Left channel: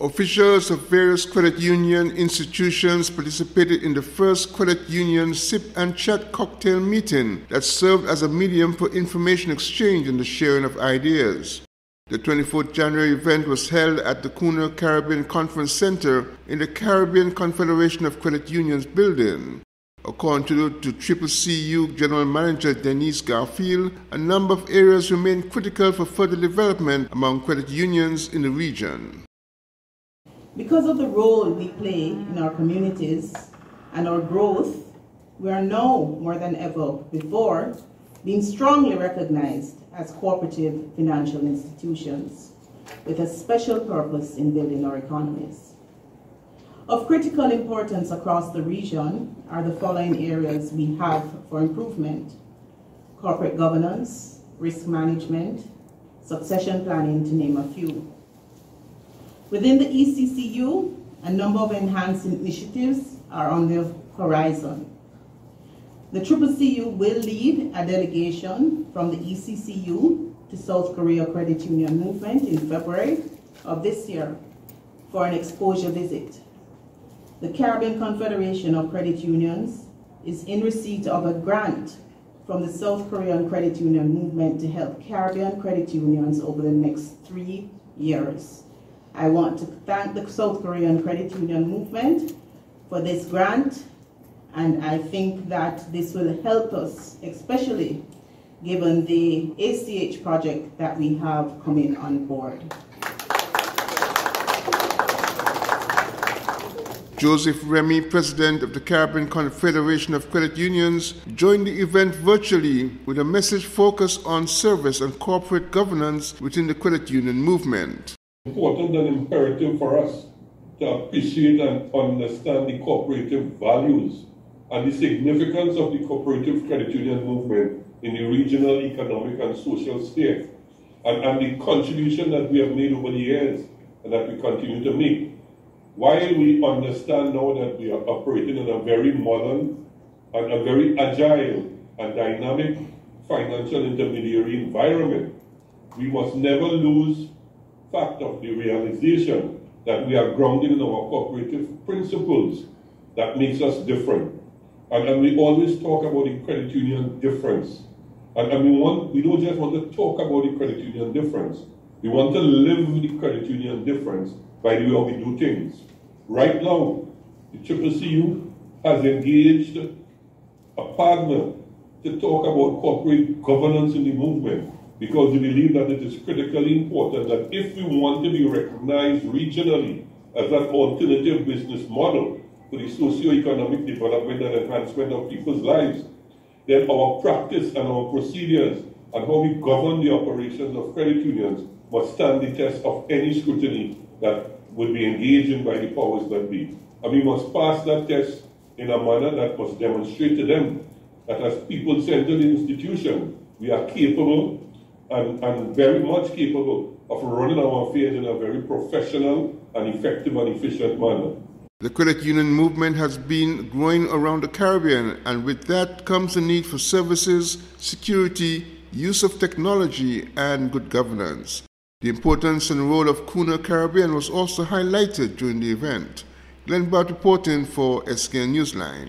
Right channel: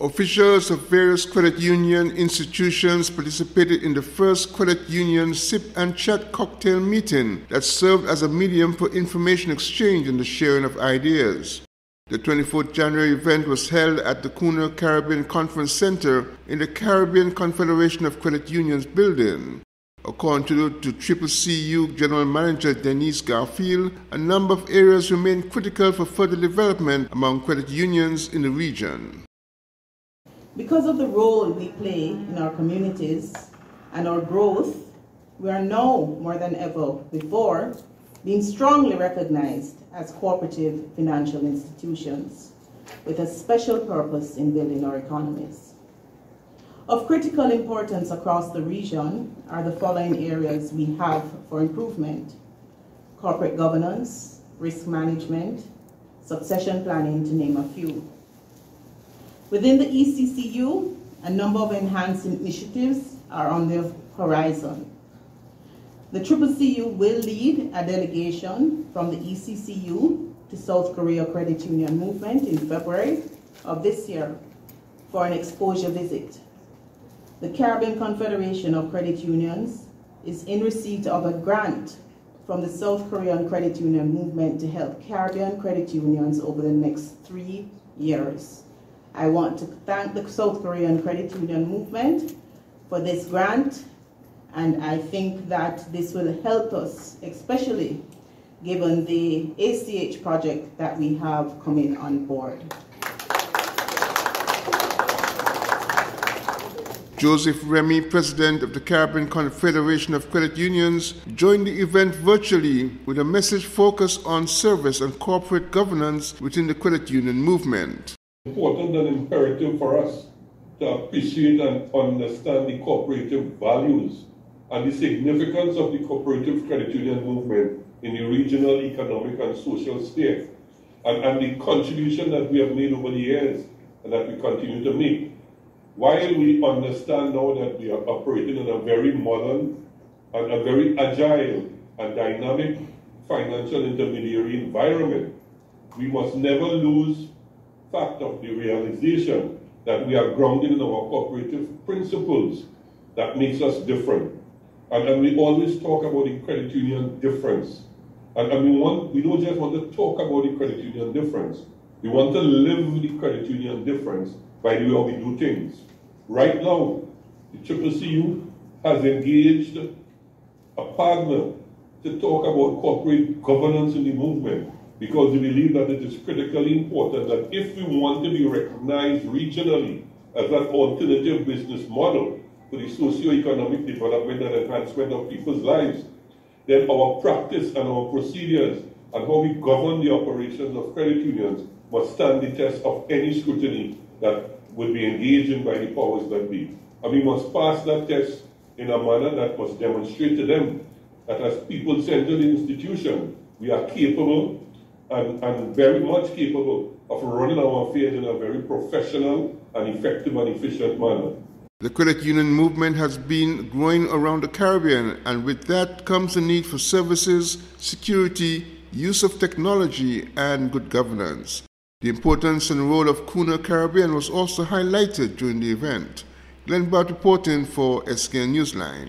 Officials of various credit union institutions participated in the first credit union sip and chat cocktail meeting that served as a medium for information exchange and the sharing of ideas. The 24th January event was held at the Cooner Caribbean Conference Center in the Caribbean Confederation of Credit Unions building. According to Cccu General Manager Denise Garfield, a number of areas remain critical for further development among credit unions in the region. Because of the role we play in our communities and our growth, we are now more than ever before being strongly recognized as cooperative financial institutions with a special purpose in building our economies. Of critical importance across the region are the following areas we have for improvement: corporate governance, risk management, succession planning, to name a few. Within the Cccu, a number of enhancing initiatives are on the horizon. The Cccu will lead a delegation from the Cccu to South Korea Credit Union Movement in February of this year for an exposure visit. The Caribbean Confederation of Credit Unions is in receipt of a grant from the South Korean Credit Union Movement to help Caribbean credit unions over the next 3 years. I want to thank the South Korean Credit Union Movement for this grant, and I think that this will help us, especially given the ACH project that we have coming on board. Joseph Remy, president of the Caribbean Confederation of Credit Unions, joined the event virtually with a message focused on service and corporate governance within the credit union movement. Important and imperative for us to appreciate and understand the cooperative values and the significance of the cooperative credit union movement in the regional, economic and social sphere, and the contribution that we have made over the years and that we continue to make. While we understand now that we are operating in a very modern and a very agile and dynamic financial intermediary environment, we must never lose fact of the realization that we are grounded in our cooperative principles that makes us different. And we always talk about the credit union difference. And we don't just want to talk about the credit union difference. We want to live the credit union difference by the way we do things. Right now, the Cccu has engaged a partner to talk about corporate governance in the movement, because we believe that it is critically important that if we want to be recognized regionally as an alternative business model for the socio-economic development and enhancement of people's lives, then our practice and our procedures and how we govern the operations of credit unions must stand the test of any scrutiny that would be engaged in by the powers that be. And we must pass that test in a manner that must demonstrate to them that as people-centered institution, we are capable and very much capable of running our affairs in a very professional and effective and efficient manner. The credit union movement has been growing around the Caribbean, and with that comes the need for services, security, use of technology, and good governance. The importance and role of Cooner Caribbean was also highlighted during the event. Glenn Bart reporting for SK Newsline.